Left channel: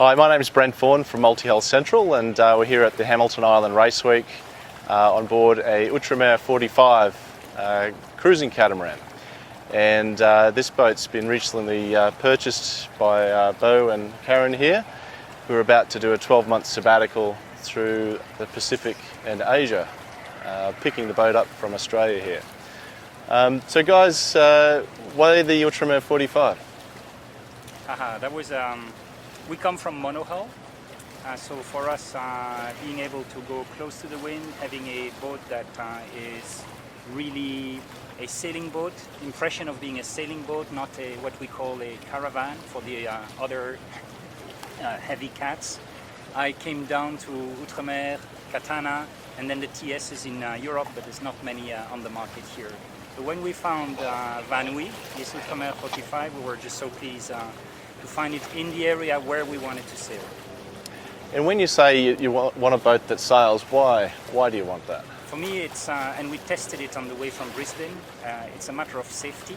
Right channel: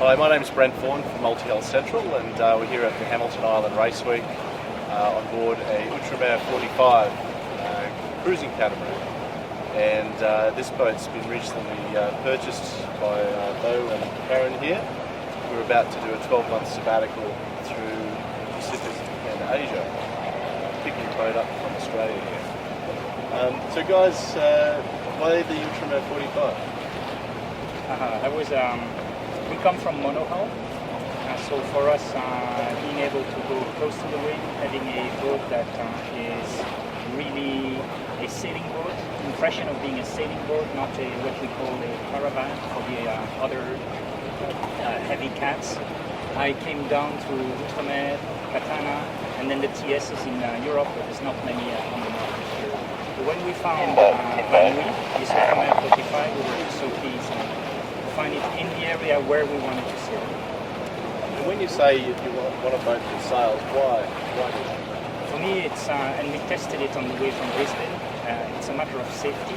Hi, my name is Brent Vaughan from Multi-Hull Central, and we're here at the Hamilton Island Race Week on board a outremer 45 cruising catamaran. And this boat's been recently purchased by Bo and Karen here. We're about to do a 12-month sabbatical through the Pacific and Asia, picking the boat up from Australia here. So guys, why the outremer 45? That was we come from monohull, so for us being able to go close to the wind, having a boat that is really a sailing boat, impression of being a sailing boat, not what we call a caravan for the other heavy cats. I came down to Outremer, Katana, and then the TSs in Europe, but there's not many on the market here. But when we found Banui, this Outremer 45, we were just so pleased to find it in the area where we wanted to sail. And when you say you want a boat that sails, why do you want that? For me, it's, and we tested it on the way from Brisbane, it's a matter of safety,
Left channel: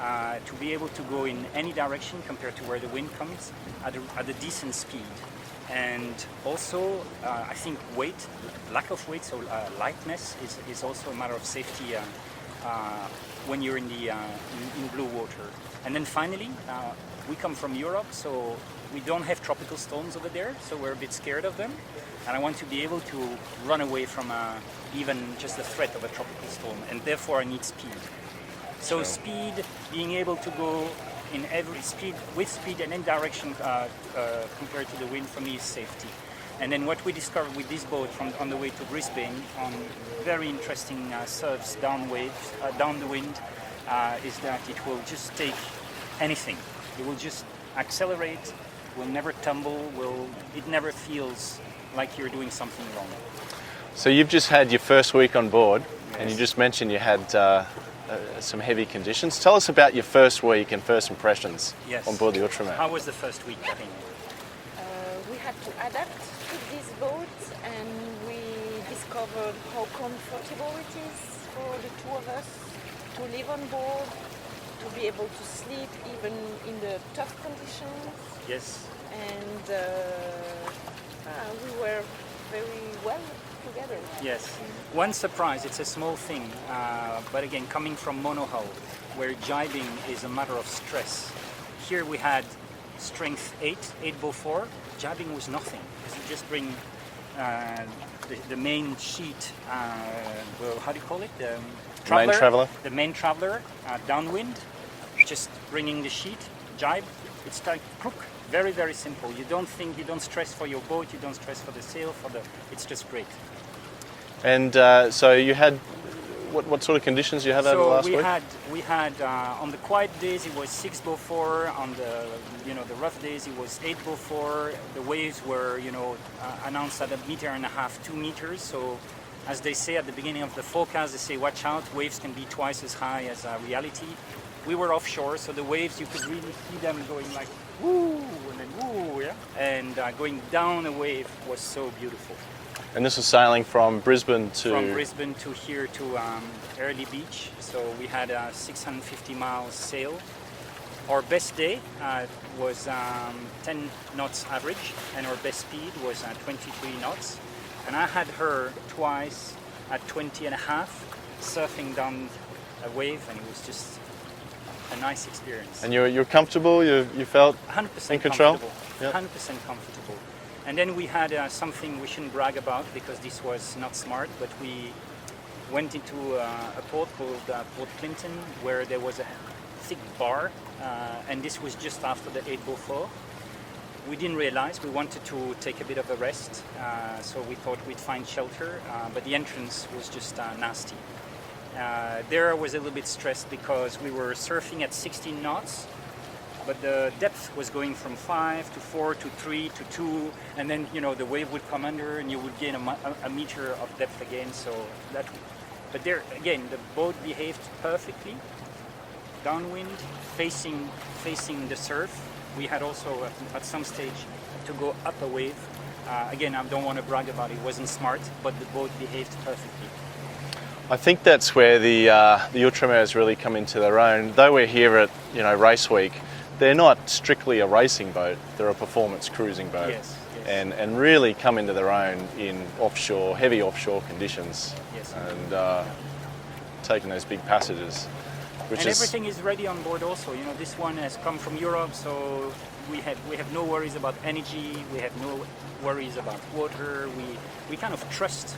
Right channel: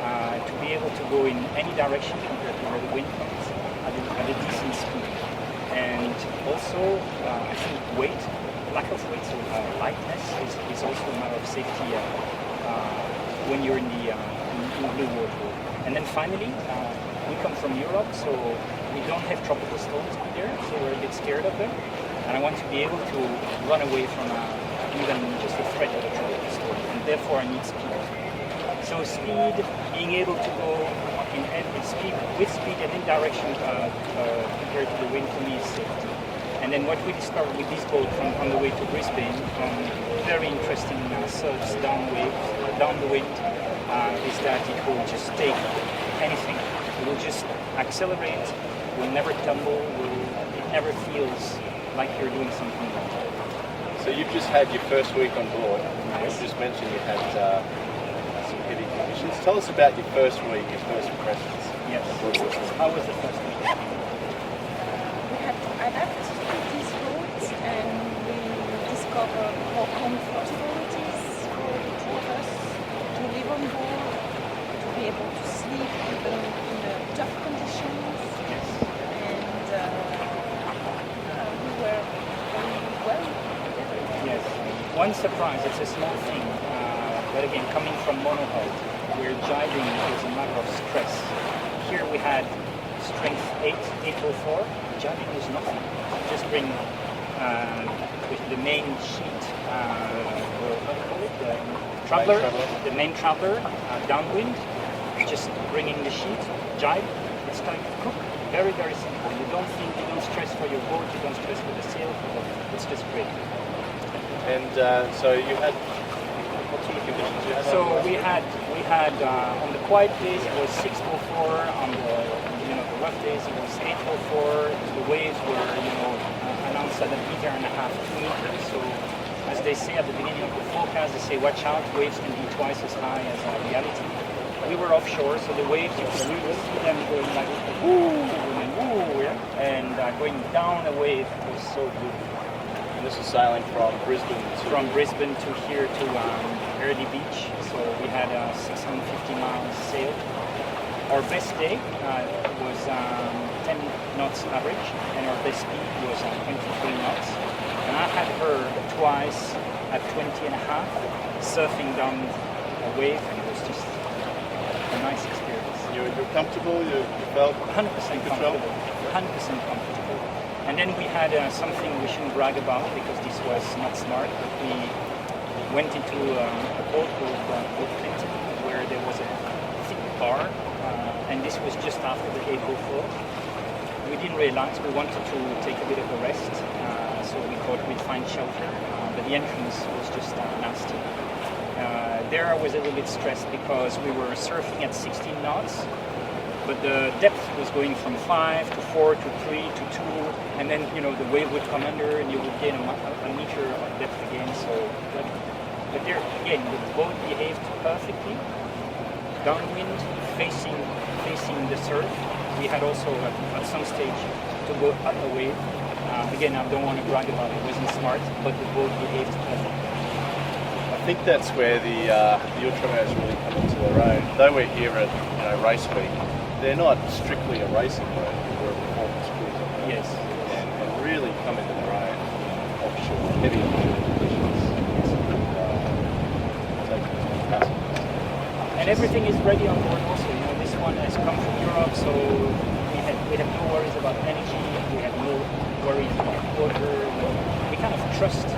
to be able to go in any direction compared to where the wind comes at a decent speed. And also, I think weight, lack of weight, so lightness is also a matter of safety when you're in the in blue water. And then finally, we come from Europe, so we don't have tropical storms over there, so we're a bit scared of them. And I want to be able to run away from even just the threat of a tropical storm, and therefore I need speed. So speed, being able to go in speed, with speed and in direction compared to the wind, for me is safety. And then what we discovered with this boat on the way to Brisbane, very interesting surfs down the wind, is that it will just take anything. It will just accelerate, will never tumble, it never feels like you're doing something wrong. So you've just had your first week on board, and you just mentioned you had some heavy conditions. Tell us about your first week and first impressions on board the Outremer. How was the first week? We had to adapt to these roads, and we discovered how comfortable it is for the two of us to live on board, to be able to sleep even in the tough conditions. Yes. And we were very well together. Yes. One surprise, it's a small thing, but again, coming from monohull, where jibing is a matter of stress. Here we had strength 804, jibing was nothing. So you just bring the main sheet, well, how do you call it? The main traveler, downwind, just bringing the sheet, jibe, it's kind of cook. Very, very simple. You don't stress for your boat, you don't stress for the sail, it's just great. And so you had, what sort of conditions you had over last week? We had on the quiet days it was 604, on the rough days it was 804. The waves were announced at 1.5 meters, 2 meters. So as they say at the beginning of the forecast, they say watch out, waves can be twice as high as reality. We were offshore, so the waves, you could really see them going like, woo, yeah. And going down a wave was so beautiful. And this was sailing from Brisbane to... From Brisbane to here to Early Beach, so we had 650 miles sailed. Our best day was 10 knots average, and our best speed was 23 knots. And I had her twice at 20 and a half, surfing down a wave, and it was just a nice experience. And you were comfortable? You felt 100% in control? Yep. 100% comfortable. And then we had something we shouldn't brag about because this was not smart, but we went into a port called Port Clinton where there was a thick bar, and this was just after the Echo fall. We didn't realize, we wanted to take a bit of a rest, so we thought we'd find shelter, but the entrance was just nasty. There I was a little bit stressed because we were surfing at 16 knots, but the depth was going from 5 to 4 to 3 to 2, and then the wave would come under and you would gain a meter of depth again. But there again, the boat behaved perfectly, downwind, facing the surf. We had also at some stage to go up a wave. Again, I don't want to brag about it, it wasn't smart, but the boat behaved perfectly. I think that's where the Outremer has really come into their own. Though we're here at Race Week, they're not strictly a racing boat, they're a performance cruising boat. Yes. And really come into their own in offshore, heavy offshore conditions, and taking those big passengers. And everything is ready on board also. You know, this one has come from Europe, so we have no worries about energy, we have no worries about water. We kind of trust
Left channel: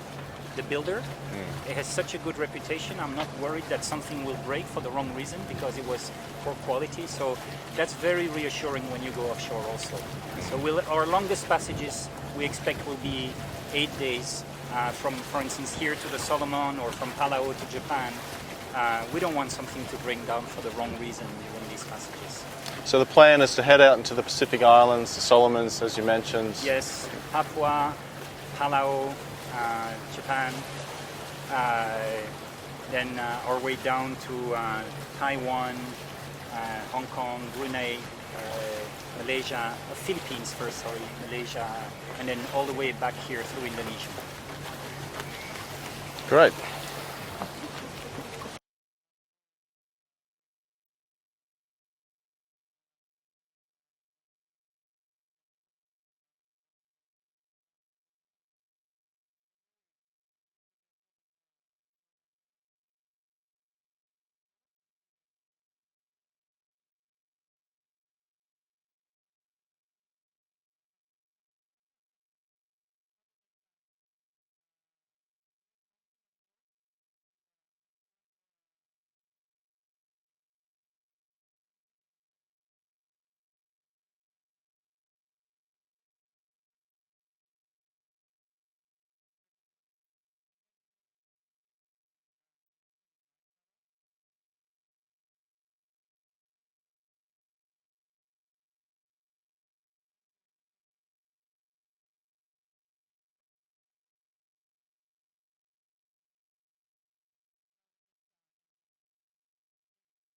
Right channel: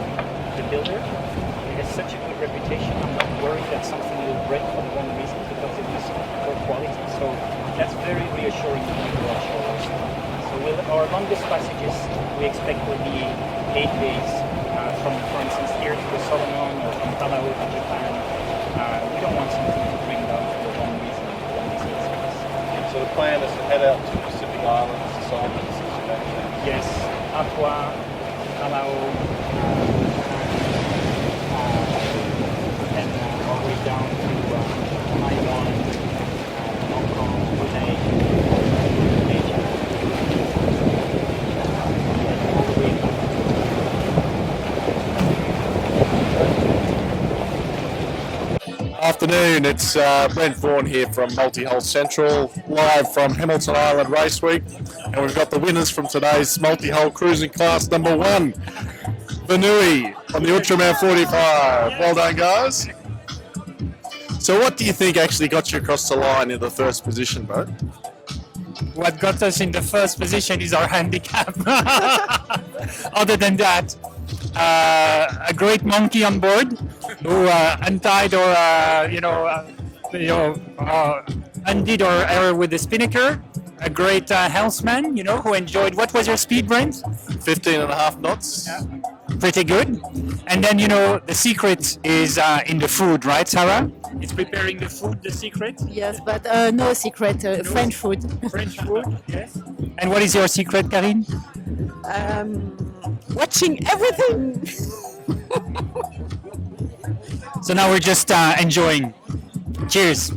the builder. It has such a good reputation. I'm not worried that something will break for the wrong reason because it was poor quality. So that's very reassuring when you go offshore also. So our longest passages we expect will be 8 days from, for instance, here to the Solomon or from Palau to Japan. We don't want something to bring down for the wrong reason on these vessels. So the plan is to head out to the Pacific Islands, the Solomons, as you mentioned. Yes, Papua, Palau, Japan, then our way down to Taiwan, Hong Kong, Brunei, Malaysia, Philippines first, Malaysia, and then all the way back here to Indonesia. Great. Afternoon, it's Brent Vaughan here from Multi-Hull Central, live from Hamilton Island Race Week, and we've got the winners from today's Multi-Hull Cruising Class number 1, Vanui on the Outremer 45. Well done, guys. So what do you think actually got you across the line in the first position, boat? What got us in the first position is our handicap. Other than that, a great monkey on board who untied or undid our error with the spinnaker. A great helmsman, who enjoyed. What was your speed, Brent? 15.5 knots. Yeah. Pretty good. And then the secret is in the food, right, Sarah? It's preparing the food, the secret. Yes, but no secret, French food. French food, yes. And what is your secret, Karine? Watching everything. So now we're just enjoying. Cheers.